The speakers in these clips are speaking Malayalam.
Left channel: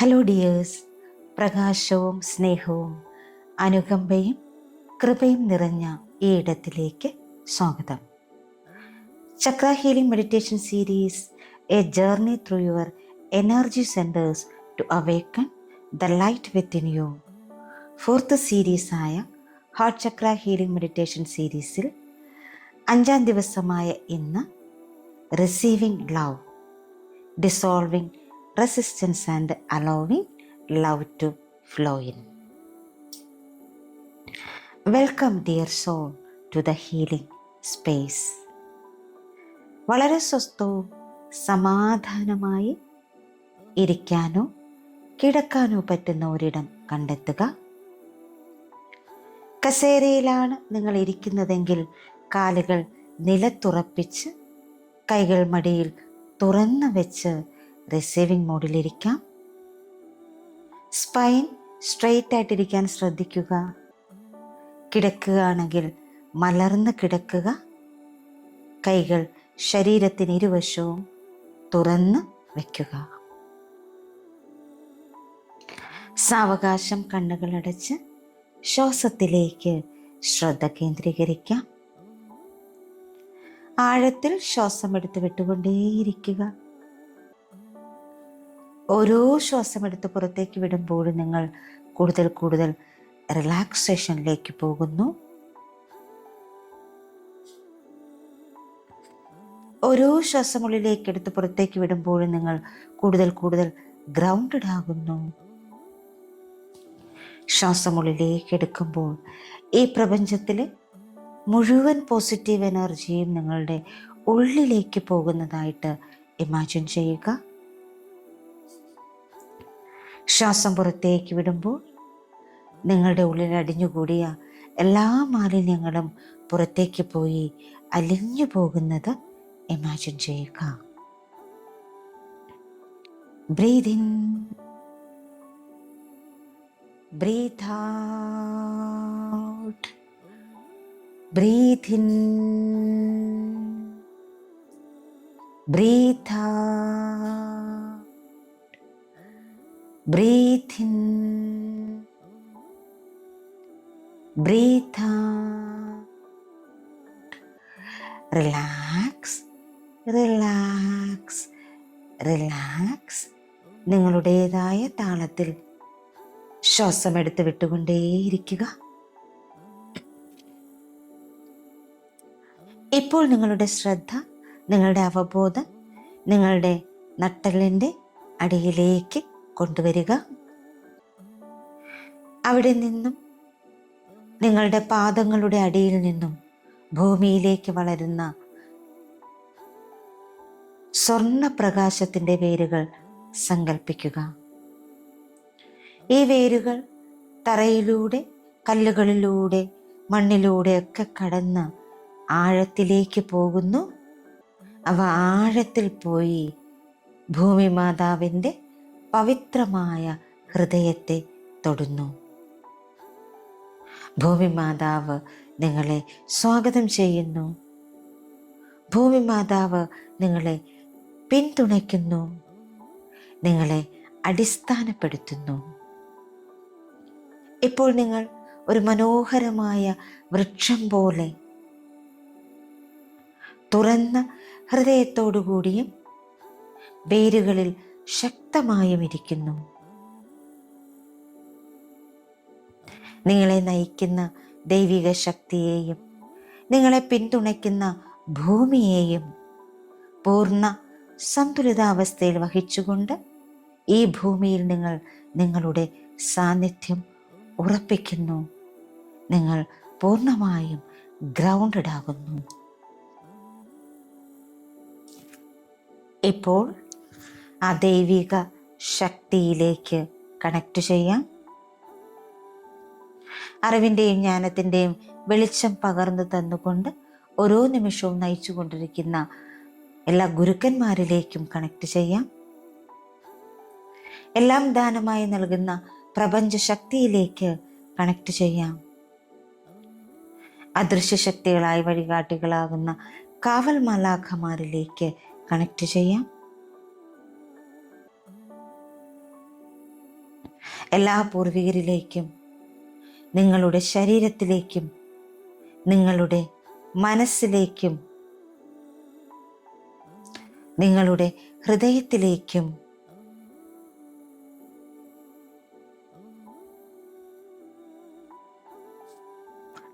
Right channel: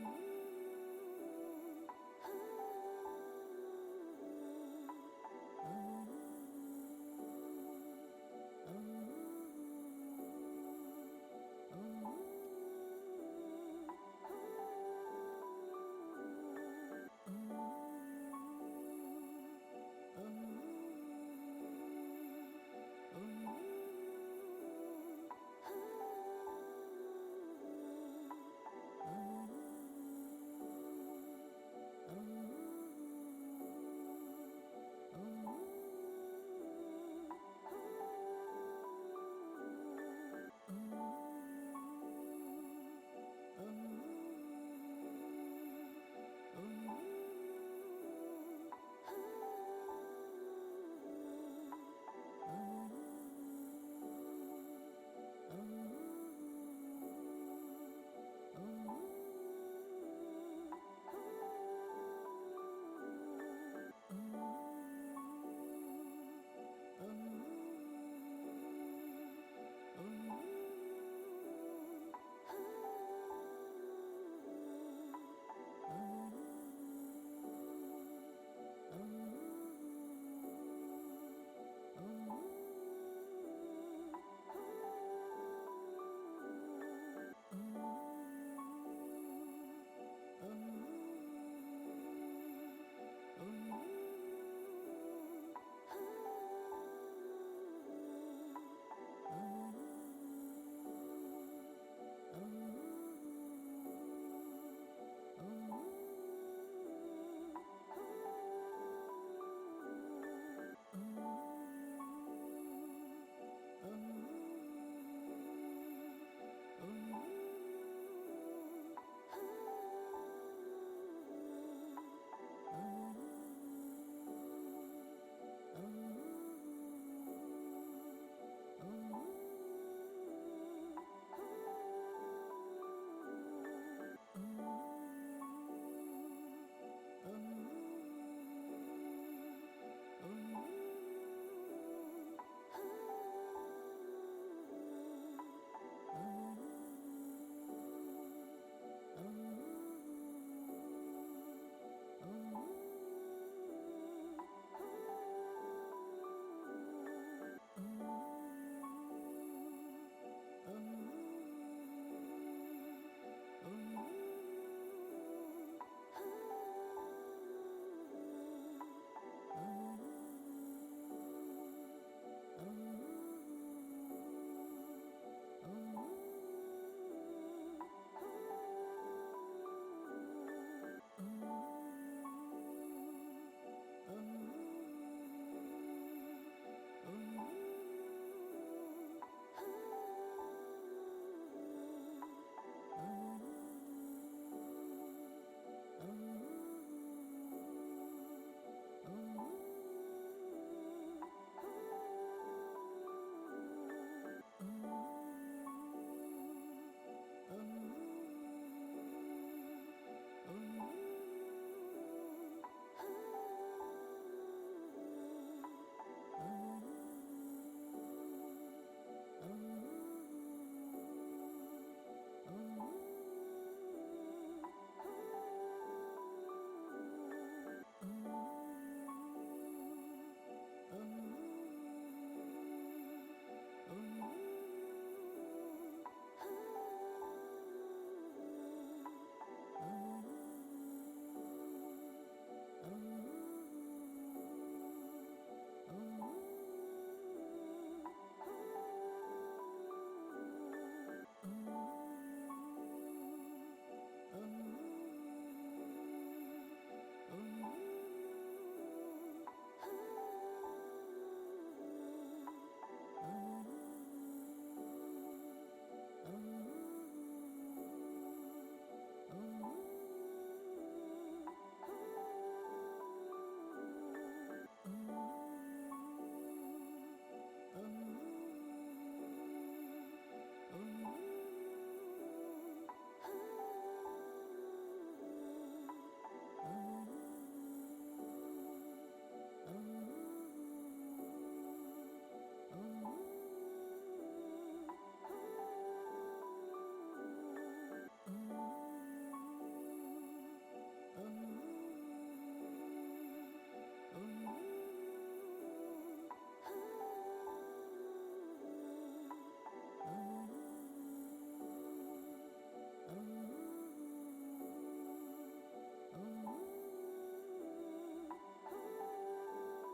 ഹലോ ഡിയേഴ്സ്, പ്രകാശവും സ്നേഹവും അനുകമ്പയും കൃപയും നിറഞ്ഞ ഈ ഇടത്തിലേക്ക് സ്വാഗതം. Chakra healing meditation series, a journey through your energy centres to awaken the light within you. Fourth സീരീസായ ഹാർട്ട് ചക്ര ഹീലിംഗ് മെഡിറ്റേഷൻ സീരീസിൽ 5-ാം ദിവസമായ ഇന്ന് receiving love, dissolving resistance and allowing love to flow in. Welcome dear soul to the healing space. വളരെ സ്വസ്ഥവും സമാധാനമായി ഇരിക്കാനോ കിടക്കാനോ പറ്റുന്ന ഒരിടം കണ്ടെത്തുക. കസേരയിലാണ് നിങ്ങൾ ഇരിക്കുന്നതെങ്കിൽ കാലുകൾ നിലത്തുറപ്പിച്ച് കൈകൾ മടിയിൽ തുറന്നു വെച്ച് റിസീവിംഗ് മോഡിലിരിക്കാം. സ്പൈൻ സ്ട്രെയിറ്റ് ആയിട്ടിരിക്കാൻ ശ്രദ്ധിക്കുക. കിടക്കുകയാണെങ്കിൽ മലർന്ന് കിടക്കുക. കൈകൾ ശരീരത്തിന് ഇരുവശവും തുറന്ന് വയ്ക്കുക. സാവകാശം കണ്ണുകളടച്ച് ശ്വാസത്തിലേക്ക് ശ്രദ്ധ കേന്ദ്രീകരിക്കാം. ആഴത്തിൽ ശ്വാസം എടുത്ത് വിട്ടുകൊണ്ടേയിരിക്കുക. ഓരോ ശ്വാസം എടുത്ത് പുറത്തേക്ക് വിടുമ്പോഴും നിങ്ങൾ കൂടുതൽ കൂടുതൽ റിലാക്സേഷനിലേക്ക് പോകുന്നു. ഓരോ ശ്വാസം ഉള്ളിലേക്ക് എടുത്ത് പുറത്തേക്ക് വിടുമ്പോഴും നിങ്ങൾ കൂടുതൽ കൂടുതൽ ഗ്രൗണ്ടഡ് ആകുന്നു. ശ്വാസം ഉള്ളിലേക്ക് എടുക്കുമ്പോൾ ഈ പ്രപഞ്ചത്തിലെ മുഴുവൻ പോസിറ്റീവ് എനർജിയും നിങ്ങളുടെ ഉള്ളിലേക്ക് പോകുന്നതായിട്ട് ഇമാജിൻ ചെയ്യുക. ശ്വാസം പുറത്തേക്ക് വിടുമ്പോൾ നിങ്ങളുടെ ഉള്ളിൽ അടിഞ്ഞുകൂടിയ എല്ലാ മാലിന്യങ്ങളും പുറത്തേക്ക് പോയി അലിഞ്ഞു പോകുന്നത് ഇമാജിൻ ചെയ്യുക. Breathe in, breathe out, breathe in, breathe out. Breathe in, breathe out. Relax, relax, relax. നിങ്ങളുടേതായ താളത്തിൽ ശ്വാസം എടുത്ത് വിട്ടുകൊണ്ടേയിരിക്കുക. ഇപ്പോൾ നിങ്ങളുടെ ശ്രദ്ധ, നിങ്ങളുടെ അവബോധം നിങ്ങളുടെ നട്ടെല്ലിൻ്റെ അടിയിലേക്ക് കൊണ്ടുവരിക. അവിടെ നിന്നും നിങ്ങളുടെ പാദങ്ങളുടെ അടിയിൽ നിന്നും ഭൂമിയിലേക്ക് വളരുന്ന സ്വർണ്ണപ്രകാശത്തിൻ്റെ വേരുകൾ സങ്കല്പിക്കുക. ഈ വേരുകൾ തറയിലൂടെ, കല്ലുകളിലൂടെ, മണ്ണിലൂടെ ഒക്കെ കടന്ന് ആഴത്തിലേക്ക് പോകുന്നു. അവ ആഴത്തിൽ പോയി ഭൂമി മാതാവിൻ്റെ പവിത്രമായ ഹൃദയത്തെ തൊടുന്നു. ഭൂമി മാതാവ് നിങ്ങളെ സ്വാഗതം ചെയ്യുന്നു. ഭൂമി മാതാവ് നിങ്ങളെ പിന്തുണയ്ക്കുന്നു, നിങ്ങളെ അടിസ്ഥാനപ്പെടുത്തുന്നു. ഇപ്പോൾ നിങ്ങൾ ഒരു മനോഹരമായ വൃക്ഷം പോലെ തുറന്ന ഹൃദയത്തോടുകൂടിയും വേരുകളിൽ ശക്തമായും ഇരിക്കുന്നു. നിങ്ങളെ നയിക്കുന്ന ദൈവിക ശക്തിയെയും നിങ്ങളെ പിന്തുണയ്ക്കുന്ന ഭൂമിയെയും പൂർണ്ണ സന്തുലിതാവസ്ഥയിൽ വഹിച്ചുകൊണ്ട് ഈ ഭൂമിയിൽ നിങ്ങൾ നിങ്ങളുടെ സാന്നിധ്യം ഉറപ്പിക്കുന്നു. നിങ്ങൾ പൂർണ്ണമായും ഗ്രൗണ്ടഡ് ആകുന്നു. ഇപ്പോൾ ആ ദൈവിക ശക്തിയിലേക്ക് കണക്ട് ചെയ്യാം. അറിവിൻ്റെയും ജ്ഞാനത്തിൻ്റെയും വെളിച്ചം പകർന്നു തന്നുകൊണ്ട് ഓരോ നിമിഷവും നയിച്ചു കൊണ്ടിരിക്കുന്ന എല്ലാ ഗുരുക്കന്മാരിലേക്കും കണക്ട് ചെയ്യാം. എല്ലാം ദാനമായി നൽകുന്ന പ്രപഞ്ച ശക്തിയിലേക്ക് കണക്ട് ചെയ്യാം. അദൃശ്യ ശക്തികളായി വഴികാട്ടികളാകുന്ന കാവൽ മാലാഖമാരിലേക്ക് കണക്ട് ചെയ്യാം. എല്ലാ പൂർവികരിലേക്കും, നിങ്ങളുടെ ശരീരത്തിലേക്കും, നിങ്ങളുടെ മനസ്സിലേക്കും, നിങ്ങളുടെ ഹൃദയത്തിലേക്കും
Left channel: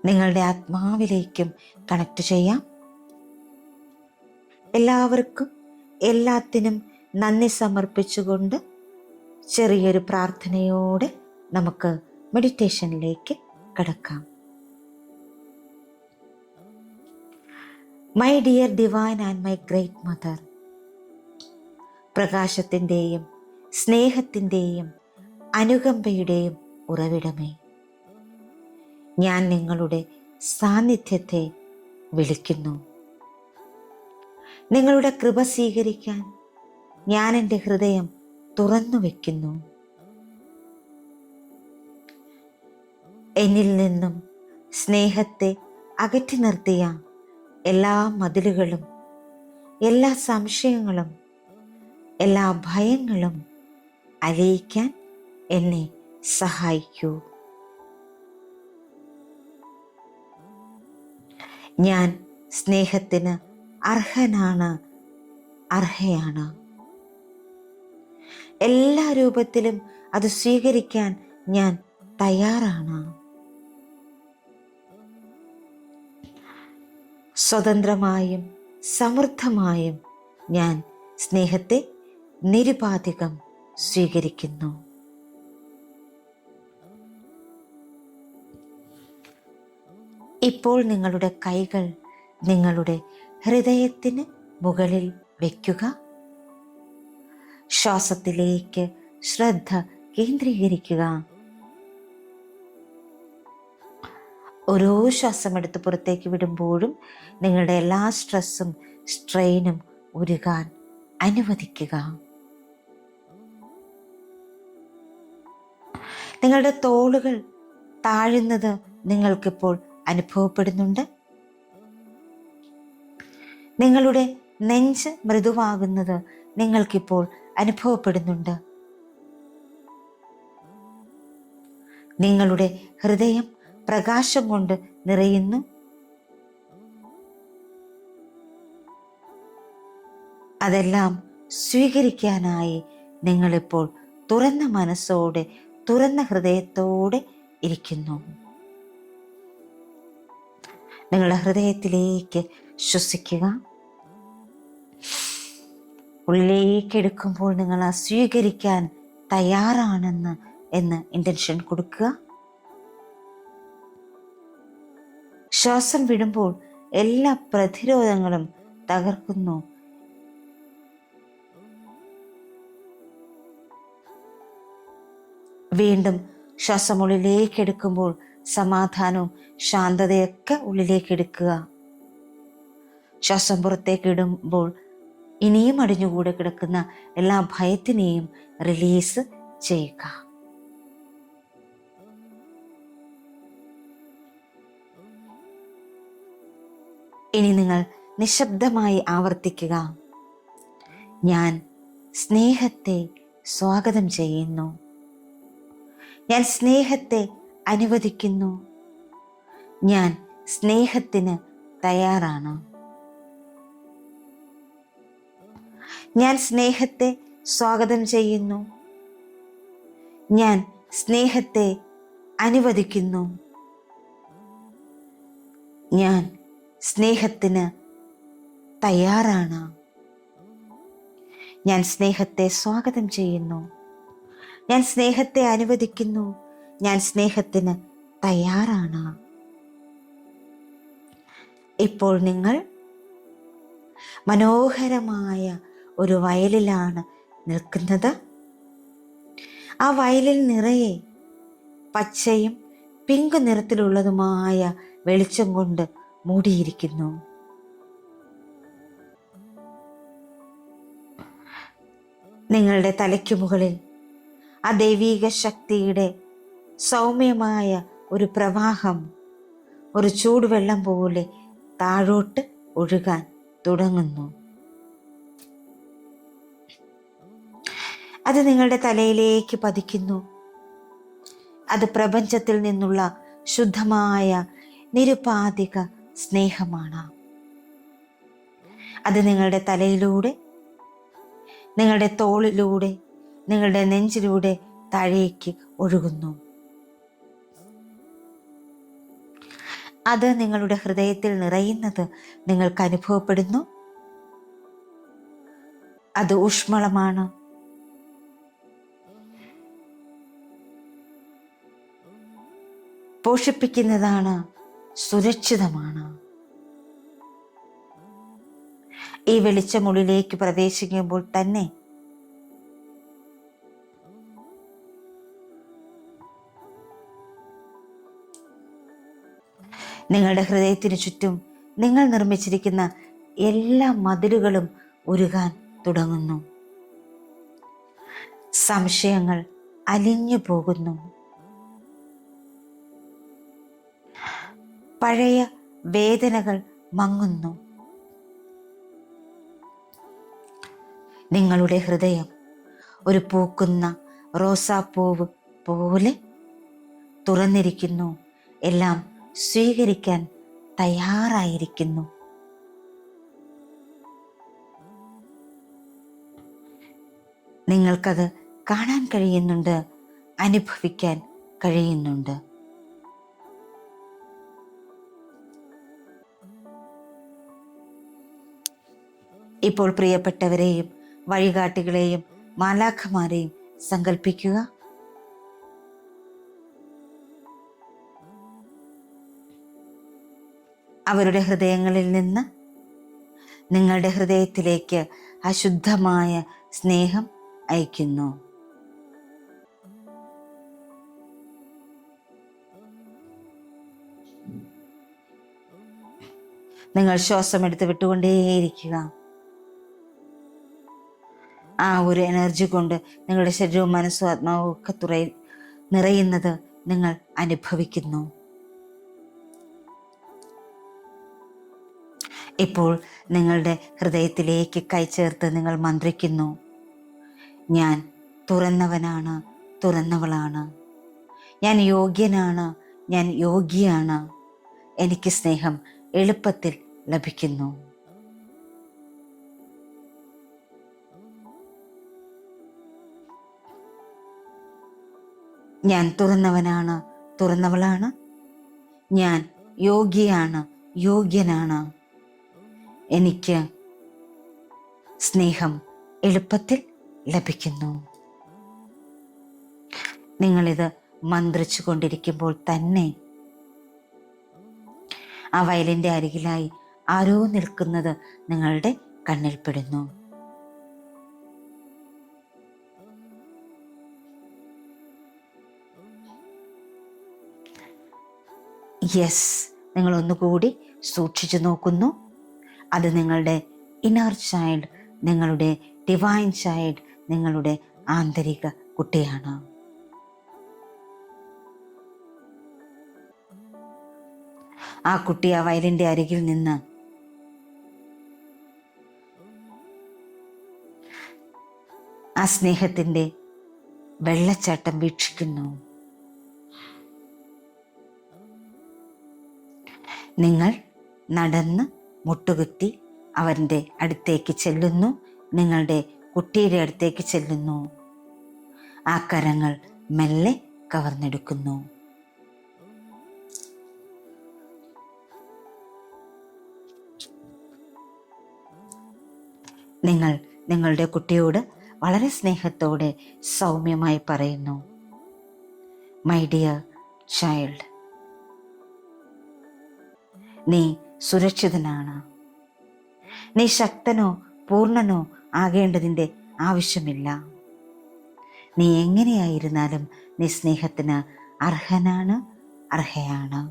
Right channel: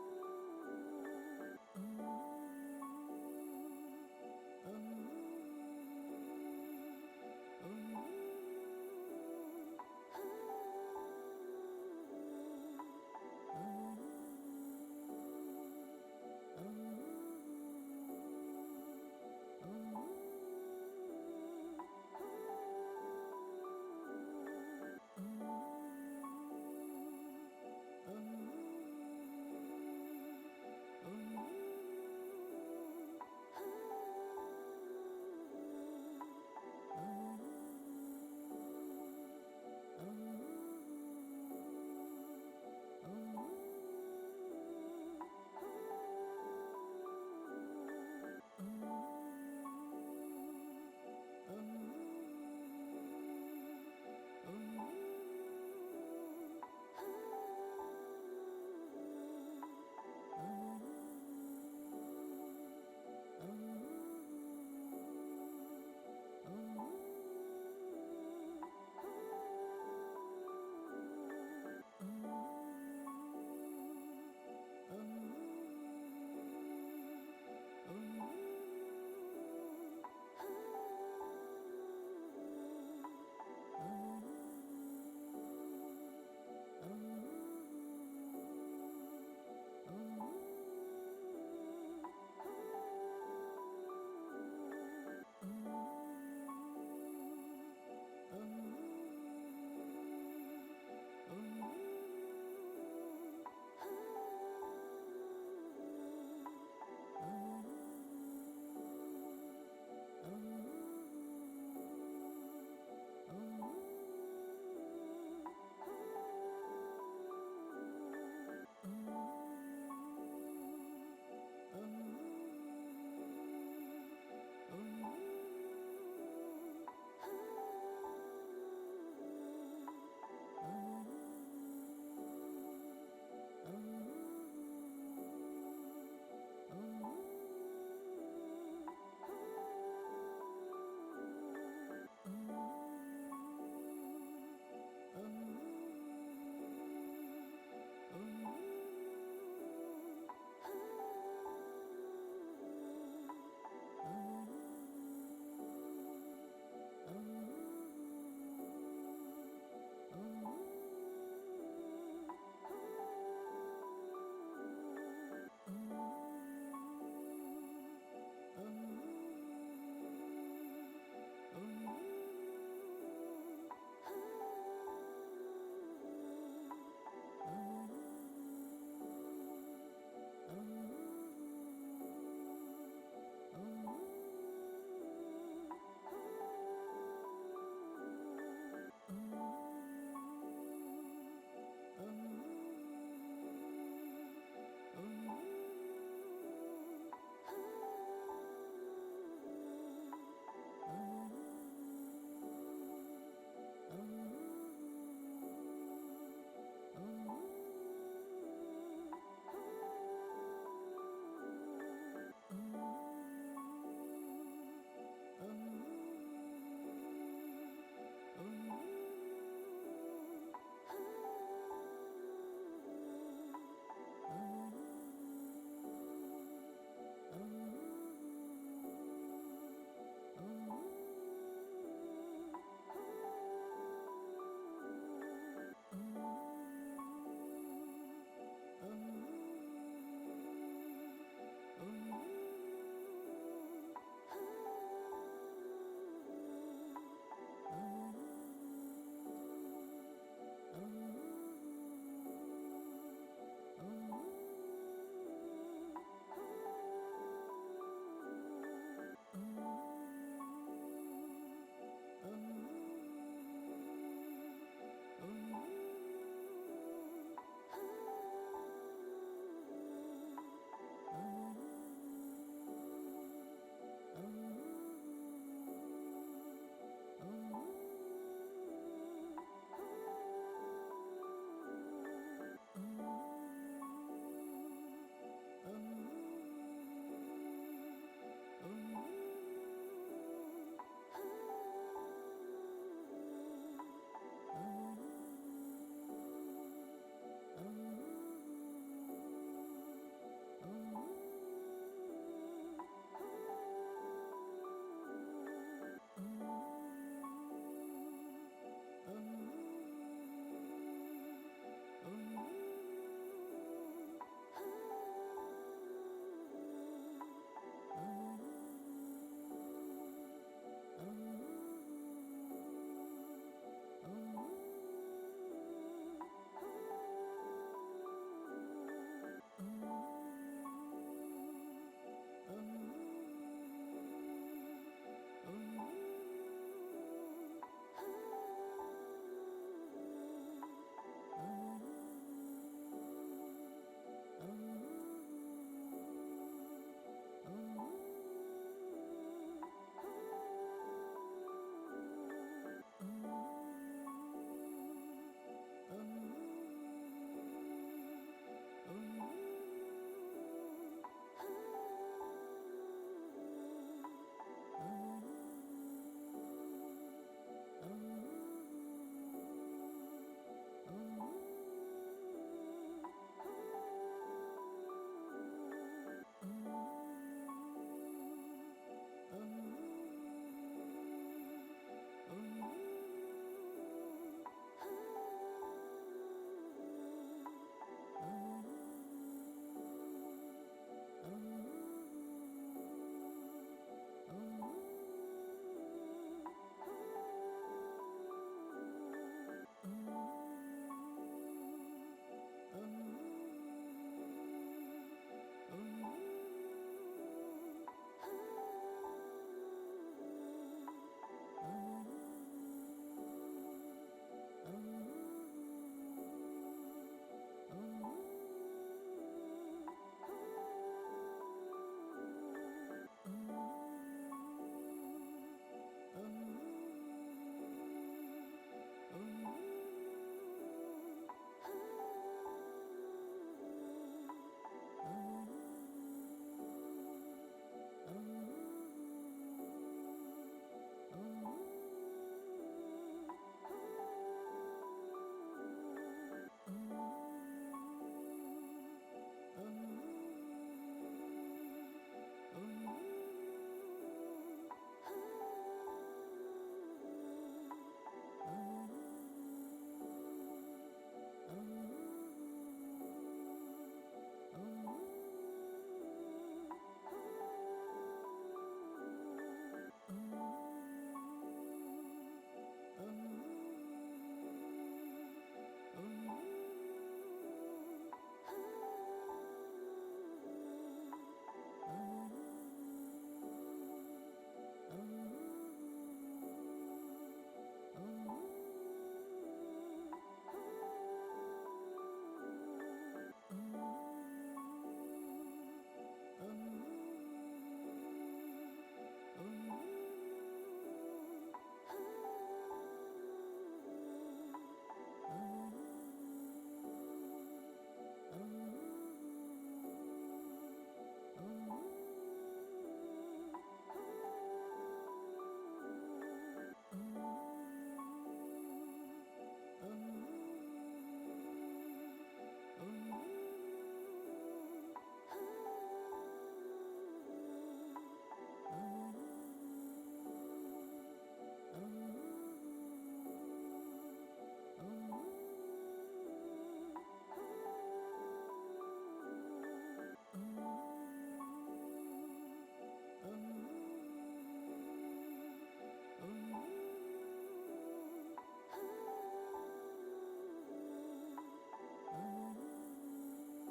നിങ്ങളുടെ ആത്മാവിലേക്കും കണക്ട് ചെയ്യാം. എല്ലാവർക്കും എല്ലാത്തിനും നന്ദി സമർപ്പിച്ചുകൊണ്ട് ചെറിയൊരു പ്രാർത്ഥനയോടെ നമുക്ക് മെഡിറ്റേഷനിലേക്ക് കടക്കാം. My dear divine and my great mother, പ്രകാശത്തിൻ്റെയും സ്നേഹത്തിൻ്റെയും അനുകമ്പയുടെയും ഉറവിടമേ, ഞാൻ നിങ്ങളുടെ സാന്നിധ്യത്തെ വിളിക്കുന്നു. നിങ്ങളുടെ കൃപ സ്വീകരിക്കാൻ ഞാൻ എൻ്റെ ഹൃദയം തുറന്നു വയ്ക്കുന്നു. എന്നിൽ നിന്നും സ്നേഹത്തെ അകറ്റി നിർത്തിയ എല്ലാ മതിലുകളും, എല്ലാ സംശയങ്ങളും, എല്ലാ ഭയങ്ങളും അലിയിക്കാൻ എന്നെ സഹായിക്കൂ. ഞാൻ സ്നേഹത്തിന് അർഹയാണ്. എല്ലാ രൂപത്തിലും അത് സ്വീകരിക്കാൻ ഞാൻ തയ്യാറാണ്. സ്വതന്ത്രമായും സമൃദ്ധമായും ഞാൻ സ്നേഹത്തെ നിരുപാധികം സ്വീകരിക്കുന്നു. ഇപ്പോൾ നിങ്ങളുടെ കൈകൾ നിങ്ങളുടെ ഹൃദയത്തിന് മുകളിൽ വയ്ക്കുക. ശ്വാസത്തിലേക്ക് ശ്രദ്ധ കേന്ദ്രീകരിക്കുക. ഓരോ ശ്വാസമെടുത്ത് പുറത്തേക്ക് വിടുമ്പോഴും നിങ്ങളുടെ എല്ലാ സ്ട്രെസ്സും സ്ട്രെയിനും ഉരുകാൻ അനുവദിക്കുക. നിങ്ങളുടെ തോളുകൾ താഴുന്നത് നിങ്ങൾക്കിപ്പോൾ അനുഭവപ്പെടുന്നുണ്ട്. നിങ്ങളുടെ നെഞ്ച് മൃദുവാകുന്നത് നിങ്ങൾക്കിപ്പോൾ അനുഭവപ്പെടുന്നുണ്ട്. നിങ്ങളുടെ ഹൃദയം പ്രകാശം കൊണ്ട് നിറയുന്നു. അതെല്ലാം സ്വീകരിക്കാനായി നിങ്ങളിപ്പോൾ തുറന്ന മനസ്സോടെ, തുറന്ന ഹൃദയത്തോടെ ഇരിക്കുന്നു. നിങ്ങളുടെ ഹൃദയത്തിലേക്ക് ശ്വസിക്കുക. ഉള്ളിലേക്ക് എടുക്കുമ്പോൾ നിങ്ങൾ ആ സ്വീകരിക്കാൻ തയ്യാറാണെന്ന് ഇന്റൻഷൻ കൊടുക്കുക. ശ്വാസം വിടുമ്പോൾ എല്ലാ പ്രതിരോധങ്ങളും തകർക്കുന്നു. വീണ്ടും ശ്വാസം ഉള്ളിലേക്ക് എടുക്കുമ്പോൾ സമാധാനവും ശാന്തതയൊക്കെ ഉള്ളിലേക്ക് എടുക്കുക. ശ്വാസം പുറത്തേക്ക് ഇടുമ്പോൾ ഇനിയും അടിഞ്ഞുകൂടെ കിടക്കുന്ന എല്ലാ ഭയത്തിനെയും റിലീസ് ചെയ്യുക. ഇനി നിങ്ങൾ നിശബ്ദമായി ആവർത്തിക്കുക. ഞാൻ സ്നേഹത്തെ സ്വാഗതം ചെയ്യുന്നു. ഞാൻ സ്നേഹത്തെ അനുവദിക്കുന്നു. ഞാൻ സ്നേഹത്തിന് തയ്യാറാണ്. ഞാൻ സ്നേഹത്തെ സ്വാഗതം ചെയ്യുന്നു. ഞാൻ സ്നേഹത്തെ അനുവദിക്കുന്നു. ഞാൻ സ്നേഹത്തിന് തയ്യാറാണ്. ഞാൻ സ്നേഹത്തെ സ്വാഗതം ചെയ്യുന്നു. ഞാൻ സ്നേഹത്തെ അനുവദിക്കുന്നു. ഞാൻ സ്നേഹത്തിന് തയ്യാറാണ്. ഇപ്പോൾ നിങ്ങൾ മനോഹരമായ ഒരു വയലിലാണ് നിൽക്കുന്നത്. ആ വയലിൽ നിറയെ പച്ചയും പിങ്ക് നിറത്തിലുള്ളതുമായ വെളിച്ചം കൊണ്ട് മൂടിയിരിക്കുന്നു. നിങ്ങളുടെ തലയ്ക്കു മുകളിൽ ആ ദൈവീക ശക്തിയുടെ സൗമ്യമായ ഒരു പ്രവാഹം ഒരു ചൂടുവെള്ളം പോലെ താഴോട്ട് ഒഴുകാൻ തുടങ്ങുന്നു. അത് നിങ്ങളുടെ തലയിലേക്ക് പതിക്കുന്നു. അത് പ്രപഞ്ചത്തിൽ നിന്നുള്ള ശുദ്ധമായ നിരുപാധിക സ്നേഹമാണ്. അത് നിങ്ങളുടെ തലയിലൂടെ, നിങ്ങളുടെ തോളിലൂടെ, നിങ്ങളുടെ നെഞ്ചിലൂടെ താഴേക്ക് ഒഴുകുന്നു. അത് നിങ്ങളുടെ ഹൃദയത്തിൽ നിറയുന്നത് നിങ്ങൾക്ക് അനുഭവപ്പെടുന്നു. അത് ഊഷ്മളമാണ്. പോഷിപ്പിക്കുന്നതാണ്, സുരക്ഷിതമാണ്. ഈ വെളിച്ചമുള്ളിലേക്ക് പ്രവേശിക്കുമ്പോൾ തന്നെ നിങ്ങളുടെ ഹൃദയത്തിന് ചുറ്റും നിങ്ങൾ നിർമ്മിച്ചിരിക്കുന്ന എല്ലാ മതിലുകളും ഉരുകാൻ തുടങ്ങുന്നു. സംശയങ്ങൾ അലിഞ്ഞു പോകുന്നു. പഴയ വേദനകൾ മങ്ങുന്നു. നിങ്ങളുടെ ഹൃദയം ഒരു പൂക്കുന്ന റോസാപ്പൂവ് പോലെ തുറന്നിരിക്കുന്നു. എല്ലാം സ്വീകരിക്കാൻ തയ്യാറായിരിക്കുന്നു. നിങ്ങൾക്കത് കാണാൻ കഴിയുന്നുണ്ട്, അനുഭവിക്കാൻ കഴിയുന്നുണ്ട്. ഇപ്പോൾ പ്രിയപ്പെട്ടവരെയും വഴികാട്ടികളെയും മാലാഖമാരെയും സങ്കല്പിക്കുക. അവരുടെ ഹൃദയങ്ങളിൽ നിന്ന് നിങ്ങളുടെ ഹൃദയത്തിലേക്ക് അശുദ്ധമായ സ്നേഹം അയക്കുന്നു. നിങ്ങൾ ശ്വാസം എടുത്ത് വിട്ടുകൊണ്ടേയിരിക്കുക. ആ ഒരു എനർജി കൊണ്ട് നിങ്ങളുടെ ശരീരവും മനസ്സും ആത്മാവും ഒക്കെ നിറയുന്നത് നിങ്ങൾ അനുഭവിക്കുന്നു. ഇപ്പോൾ നിങ്ങളുടെ ഹൃദയത്തിലേക്ക് കൈചേർത്ത് നിങ്ങൾ മന്ത്രിക്കുന്നു. ഞാൻ തുറന്നവനാണ്, തുറന്നവളാണ്. ഞാൻ യോഗ്യനാണ്, ഞാൻ യോഗ്യയാണ്. എനിക്ക് സ്നേഹം എളുപ്പത്തിൽ ലഭിക്കുന്നു. ഞാൻ തുറന്നവനാണ്, തുറന്നവളാണ്. ഞാൻ യോഗ്യയാണ്, യോഗ്യനാണ്. എനിക്ക് സ്നേഹം എളുപ്പത്തിൽ ലഭിക്കുന്നു. നിങ്ങളിത് മന്ത്രിച്ചു കൊണ്ടിരിക്കുമ്പോൾ തന്നെ ആ വയലിൻ്റെ അരികിലായി ആരോ നിൽക്കുന്നത് നിങ്ങളുടെ കണ്ണിൽപ്പെടുന്നു. യെസ്, നിങ്ങൾ ഒന്നുകൂടി സൂക്ഷിച്ചു നോക്കുന്നു. അത് നിങ്ങളുടെ ഇന്നർ ചൈൽഡ്, നിങ്ങളുടെ ഡിവൈൻ ചൈൽഡ്, നിങ്ങളുടെ ആന്തരിക കുട്ടിയാണ്. ആ കുട്ടി ആ വയലിൻ്റെ അരികിൽ നിന്ന് ആ സ്നേഹത്തിൻ്റെ വെള്ളച്ചാട്ടം വീക്ഷിക്കുന്നു. നിങ്ങൾ നടന്ന് മുട്ടുകുത്തി അവൻ്റെ അടുത്തേക്ക് ചെല്ലുന്നു. നിങ്ങളുടെ കുട്ടിയുടെ അടുത്തേക്ക് ചെല്ലുന്നു. ആ കരങ്ങൾ മെല്ലെ കവർന്നെടുക്കുന്നു. നിങ്ങൾ നിങ്ങളുടെ കുട്ടിയോട് വളരെ സ്നേഹത്തോടെ സൗമ്യമായി പറയുന്നു, മൈ ഡിയർ ചൈൽഡ്, നീ സുരക്ഷിതനാണ്. നീ ശക്തനോ പൂർണ്ണനോ ആകേണ്ടതിൻ്റെ ആവശ്യമില്ല. നീ എങ്ങനെയായിരുന്നാലും നീ സ്നേഹത്തിന് അർഹനാണ്, അർഹയാണ്.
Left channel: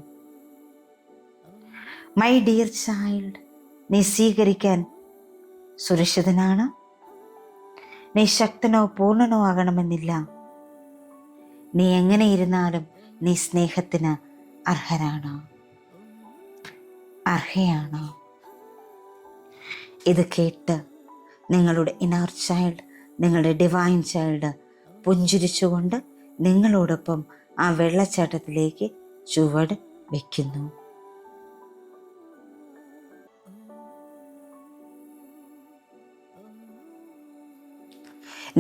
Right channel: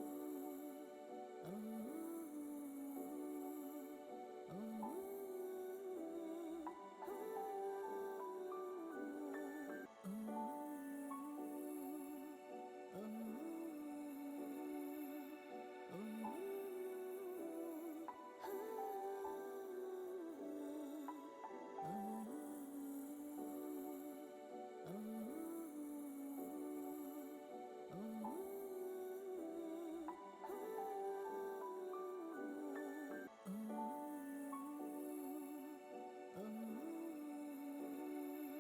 മൈ ഡിയർ ചൈൽഡ്, നീ സ്വീകരിക്കാൻ സുരക്ഷിതനാണ്. നീ ശക്തനോ പൂർണ്ണനോ ആകണമെന്നില്ല. നീ എങ്ങനെയിരുന്നാലും നീ സ്നേഹത്തിന് അർഹനാണ്, അർഹയാണ്. ഇത് കേട്ട് നിങ്ങളുടെ ഇന്നർ ചൈൽഡ്, നിങ്ങളുടെ ഡിവൈൻ ചൈൽഡ് പുഞ്ചിരിച്ചുകൊണ്ട് നിങ്ങളോടൊപ്പം ആ വെള്ളച്ചാട്ടത്തിലേക്ക് ചുവട് വയ്ക്കുന്നു.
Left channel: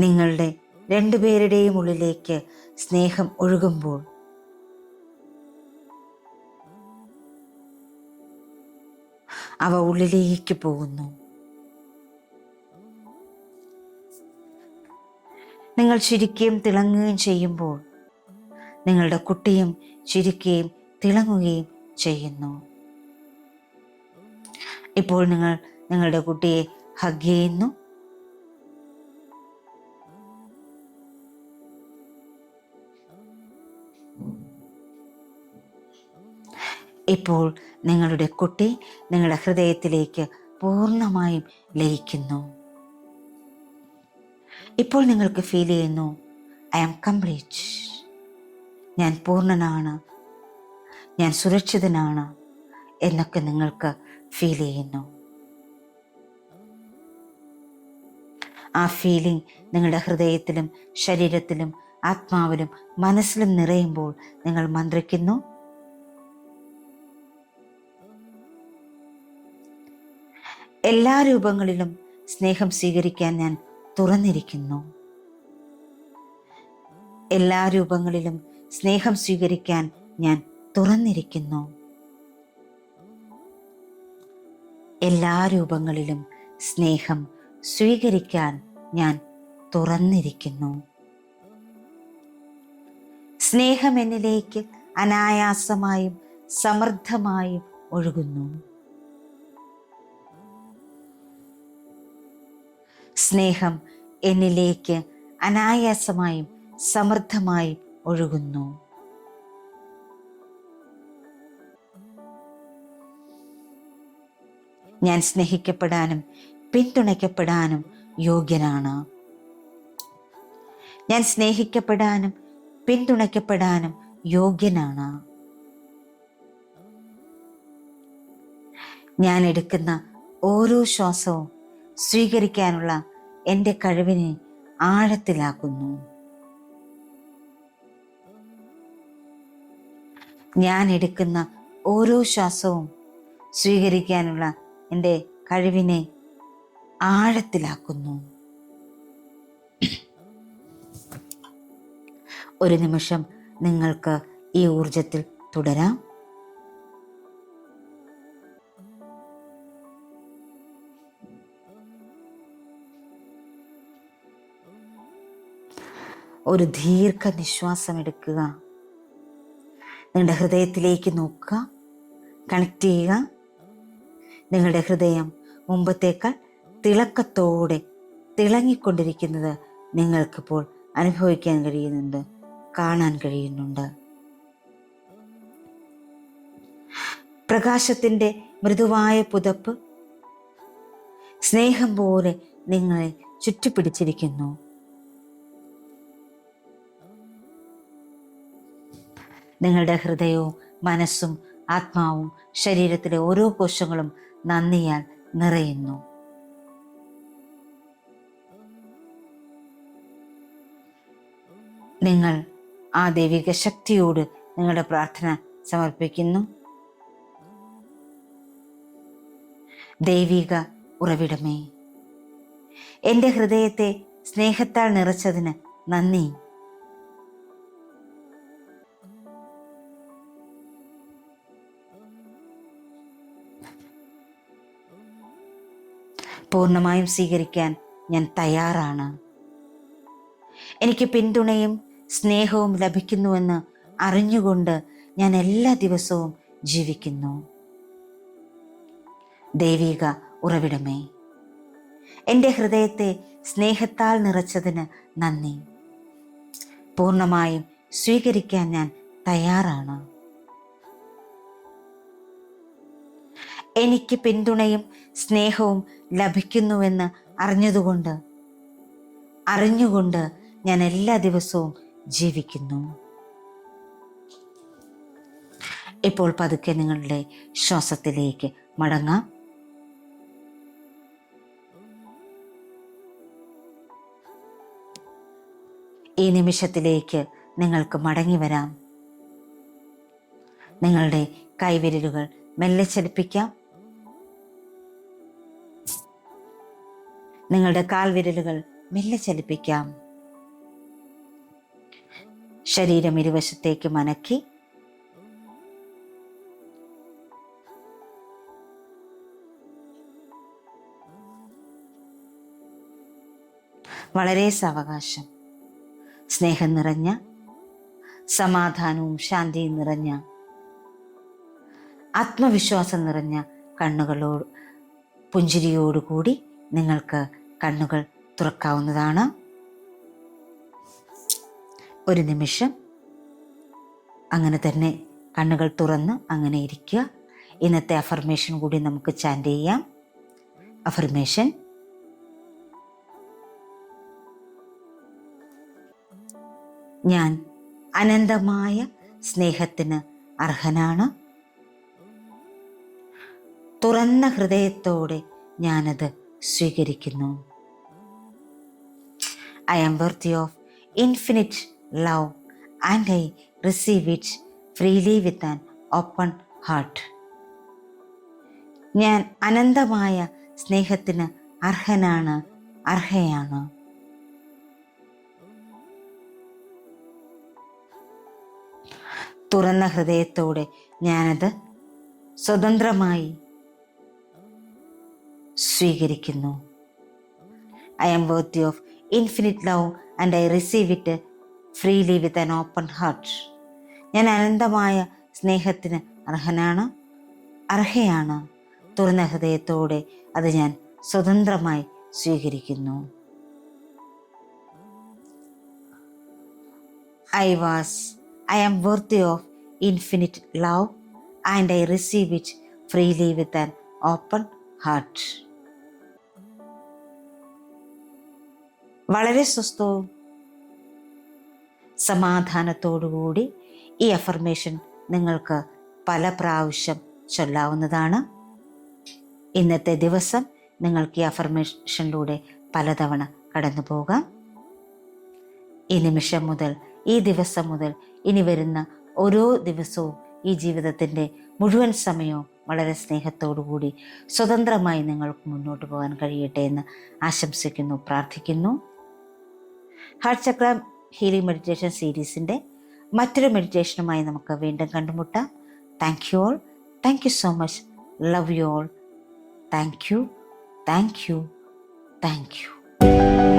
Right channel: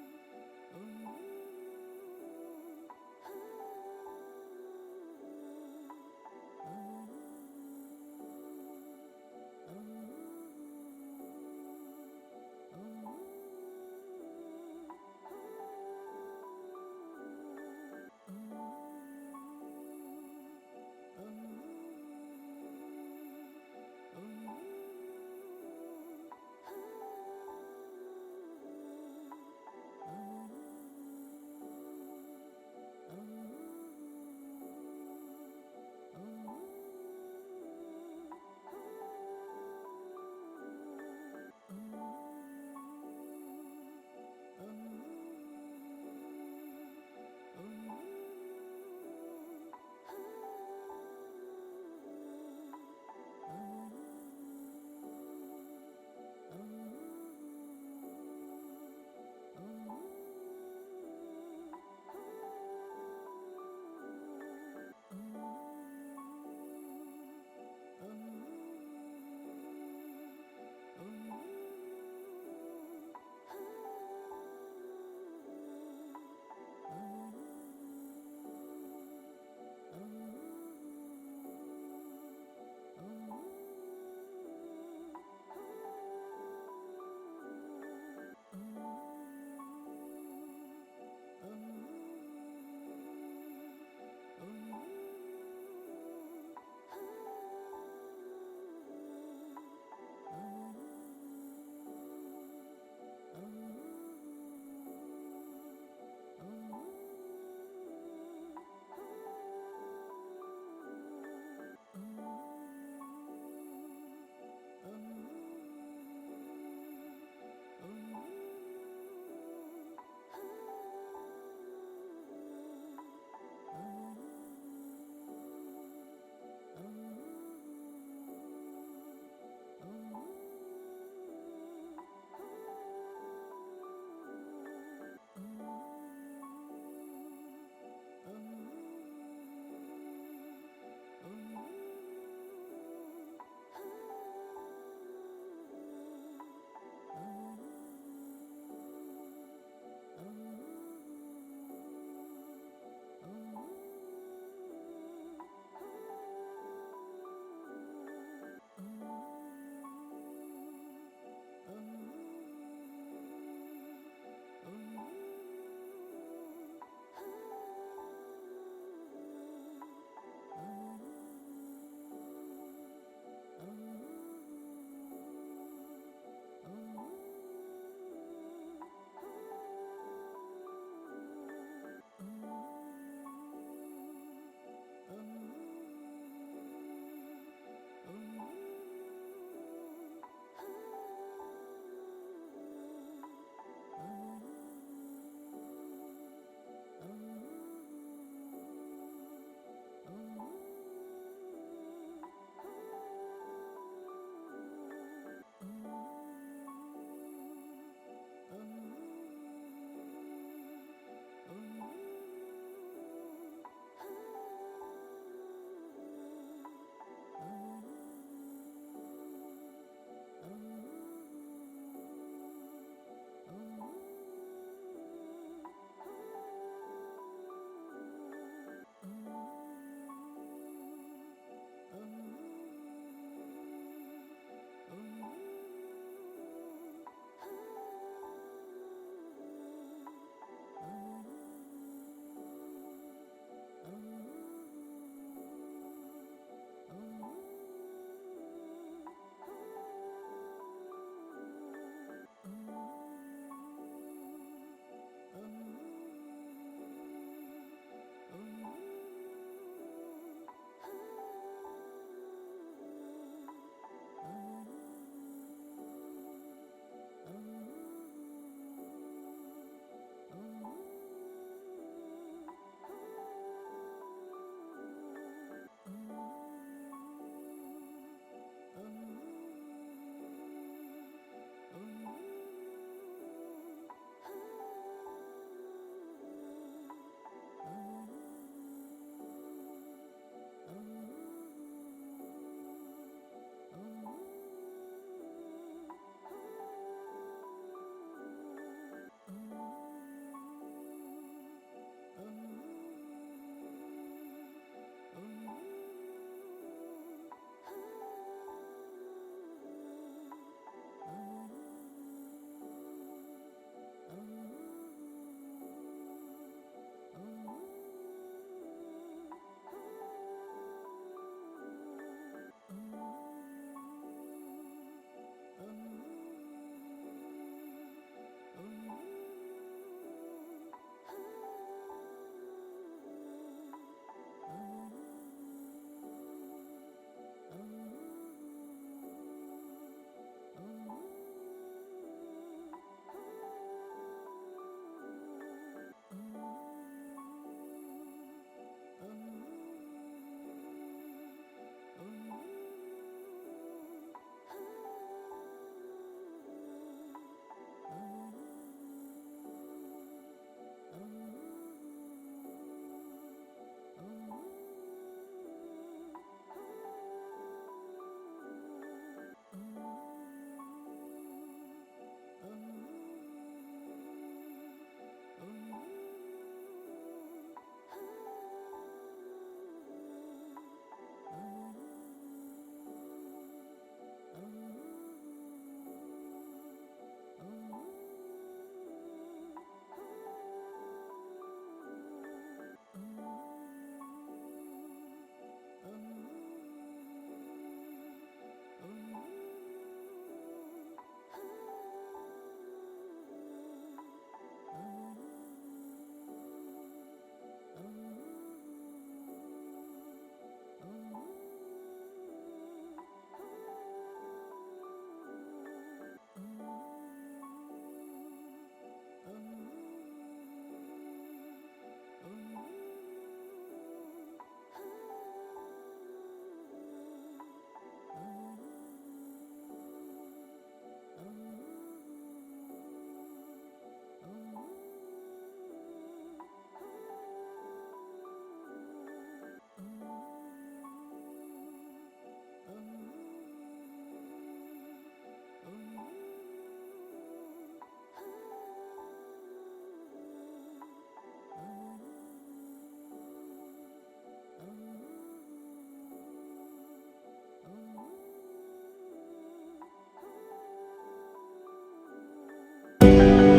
നിങ്ങളുടെ രണ്ടുപേരുടെയും ഉള്ളിലേക്ക് സ്നേഹം ഒഴുകുമ്പോൾ അവ ഉള്ളിലേക്ക് പോകുന്നു. നിങ്ങൾ ചിരിക്കുകയും തിളങ്ങുകയും ചെയ്യുമ്പോൾ നിങ്ങളുടെ കുട്ടിയും ചിരിക്കുകയും തിളങ്ങുകയും ചെയ്യുന്നു. ഇപ്പോൾ നിങ്ങൾ നിങ്ങളുടെ കുട്ടിയെ ഹഗ് ചെയ്യുന്നു. ഇപ്പോൾ നിങ്ങളുടെ കുട്ടി നിങ്ങളുടെ ഹൃദയത്തിലേക്ക് പൂർണ്ണമായും ലയിക്കുന്നു. ഇപ്പോൾ നിങ്ങൾക്ക് ഫീൽ ചെയ്യുന്നു, ഐ ആം കംപ്ലീറ്റ്. ഞാൻ പൂർണ്ണനാണ്, ഞാൻ സുരക്ഷിതനാണ് എന്നൊക്കെ നിങ്ങൾക്ക് ഫീൽ ചെയ്യുന്നു. ആ ഫീലിംഗ് നിങ്ങളുടെ ഹൃദയത്തിലും ശരീരത്തിലും ആത്മാവിലും മനസ്സിലും നിറയുമ്പോൾ നിങ്ങൾ മന്ത്രിക്കുന്നു, എല്ലാ രൂപങ്ങളിലും സ്നേഹം സ്വീകരിക്കാൻ ഞാൻ തുറന്നിരിക്കുന്നു. എല്ലാ രൂപങ്ങളിലും സ്നേഹം സ്വീകരിക്കാൻ ഞാൻ തുറന്നിരിക്കുന്നു. എല്ലാ രൂപങ്ങളിലും സ്നേഹം സ്വീകരിക്കാൻ ഞാൻ തുറന്നിരിക്കുന്നു. സ്നേഹം എന്നിലേക്ക് അനായാസമായും സമൃദ്ധമായും ഒഴുകുന്നു. സ്നേഹം എന്നിലേക്ക് അനായാസമായും സമൃദ്ധമായും ഒഴുകുന്നു. ഞാൻ സ്നേഹിക്കപ്പെടാനും പിന്തുണയ്ക്കപ്പെടാനും യോഗ്യനാണ്. ഞാൻ സ്നേഹിക്കപ്പെടാനും പിന്തുണയ്ക്കപ്പെടാനും യോഗ്യനാണ്. ഞാൻ എടുക്കുന്ന ഓരോ ശ്വാസവും സ്വീകരിക്കാനുള്ള എൻ്റെ കഴിവിനെ ആഴത്തിലാക്കുന്നു. ഞാൻ എടുക്കുന്ന ഓരോ ശ്വാസവും സ്വീകരിക്കാനുള്ള എൻ്റെ കഴിവിനെ ആഴത്തിലാക്കുന്നു. ഒരു നിമിഷം നിങ്ങൾക്ക് ഈ ഊർജത്തിൽ തുടരാം. ഒരു ദീർഘനിശ്വാസം എടുക്കുക. നിങ്ങളുടെ ഹൃദയത്തിലേക്ക് നോക്കുക, കണക്ട് ചെയ്യുക. നിങ്ങളുടെ ഹൃദയം മുമ്പത്തേക്കാൾ തിളക്കത്തോടെ തിളങ്ങിക്കൊണ്ടിരിക്കുന്നത് നിങ്ങൾക്കിപ്പോൾ അനുഭവിക്കാൻ കഴിയുന്നുണ്ട്, കാണാൻ കഴിയുന്നുണ്ട്. പ്രകാശത്തിൻ്റെ മൃദുവായ പുതപ്പ് സ്നേഹം പോലെ നിങ്ങളെ ചുറ്റിപ്പിടിച്ചിരിക്കുന്നു. നിങ്ങളുടെ ഹൃദയവും മനസ്സും ആത്മാവും ശരീരത്തിലെ ഓരോ കോശങ്ങളും നന്ദിയാൽ നിറയുന്നു. നിങ്ങൾ ആ ദൈവിക ശക്തിയോട് നിങ്ങളുടെ പ്രാർത്ഥന സമർപ്പിക്കുന്നു. ദൈവിക ഉറവിടമേ, എൻ്റെ ഹൃദയത്തെ സ്നേഹത്താൽ നിറച്ചതിന് നന്ദി. പൂർണ്ണമായും സ്വീകരിക്കാൻ ഞാൻ തയ്യാറാണ്. എനിക്ക് പിന്തുണയും സ്നേഹവും ലഭിക്കുന്നുവെന്ന് അറിഞ്ഞുകൊണ്ട് ഞാൻ എല്ലാ ദിവസവും ജീവിക്കുന്നു. ദൈവിക ഉറവിടമേ, എൻ്റെ ഹൃദയത്തെ സ്നേഹത്താൽ നിറച്ചതിന് നന്ദി. പൂർണ്ണമായും സ്വീകരിക്കാൻ ഞാൻ തയ്യാറാണ്. എനിക്ക് പിന്തുണയും സ്നേഹവും ലഭിക്കുന്നുവെന്ന് അറിഞ്ഞുകൊണ്ട് ഞാൻ എല്ലാ ദിവസവും ജീവിക്കുന്നു. ഇപ്പോൾ പതുക്കെ നിങ്ങളുടെ ശ്വാസത്തിലേക്ക് മടങ്ങാം. ഈ നിമിഷത്തിലേക്ക് നിങ്ങൾക്ക് മടങ്ങി വരാം. നിങ്ങളുടെ കൈവിരലുകൾ മെല്ലെ ചലിപ്പിക്കാം. നിങ്ങളുടെ കാൽവിരലുകൾ മെല്ലെ ചലിപ്പിക്കാം. ശരീരം ഇരുവശത്തേക്ക് മനക്കി വളരെ സാവകാശം സ്നേഹം നിറഞ്ഞ, സമാധാനവും ശാന്തിയും നിറഞ്ഞ, ആത്മവിശ്വാസം നിറഞ്ഞ പുഞ്ചിരിയോടുകൂടി നിങ്ങൾക്ക് കണ്ണുകൾ തുറക്കാവുന്നതാണ്. ഒരു നിമിഷം അങ്ങനെ തന്നെ കണ്ണുകൾ തുറന്ന് അങ്ങനെ ഇരിക്കുക. ഇന്നത്തെ അഫർമേഷൻ കൂടി നമുക്ക് ചാൻറ്റ് ചെയ്യാം. അഫർമേഷൻ: ഞാൻ അനന്തമായ സ്നേഹത്തിന് അർഹനാണ്. തുറന്ന ഹൃദയത്തോടെ ഞാനത് സ്വീകരിക്കുന്നു. I am worthy of infinite love and I receive it freely with an open heart. ഞാൻ അനന്തമായ സ്നേഹത്തിന് അർഹനാണ്, അർഹയാണ്. തുറന്ന ഹൃദയത്തോടെ ഞാനത് സ്വതന്ത്രമായി സ്വീകരിക്കുന്നു. I am worthy of infinite love and I receive it freely with an open heart. ഞാൻ അനന്തമായ സ്നേഹത്തിന് അർഹനാണ്, അർഹയാണ്. തുറന്ന ഹൃദയത്തോടെ അത് ഞാൻ സ്വതന്ത്രമായി സ്വീകരിക്കുന്നു. I am worthy of infinite love and I receive it freely with an open heart. വളരെ സ്വസ്ഥവും സമാധാനത്തോടുകൂടി ഈ അഫർമേഷൻ നിങ്ങൾക്ക് പല പ്രാവശ്യം ചൊല്ലാവുന്നതാണ്. ഇന്നത്തെ ദിവസം നിങ്ങൾക്ക് ഈ അഫർമേഷനിലൂടെ പലതവണ കടന്നു പോകാം. ഈ നിമിഷം മുതൽ, ഈ ദിവസം മുതൽ, ഇനി വരുന്ന ഓരോ ദിവസവും ഈ ജീവിതത്തിൻ്റെ മുഴുവൻ സമയവും വളരെ സ്നേഹത്തോടുകൂടി സ്വതന്ത്രമായി നിങ്ങൾക്ക് മുന്നോട്ട് പോകാൻ കഴിയട്ടെ എന്ന് ആശംസിക്കുന്നു, പ്രാർത്ഥിക്കുന്നു. ഹാർട്ട് ചക്ര ഹീലിംഗ് മെഡിറ്റേഷൻ സീരീസിൻ്റെ മറ്റൊരു മെഡിറ്റേഷനുമായി നമുക്ക് വീണ്ടും കണ്ടുമുട്ടാം. Thank you all. Thank you so much. Love you all. Thank you, thank you, thank you.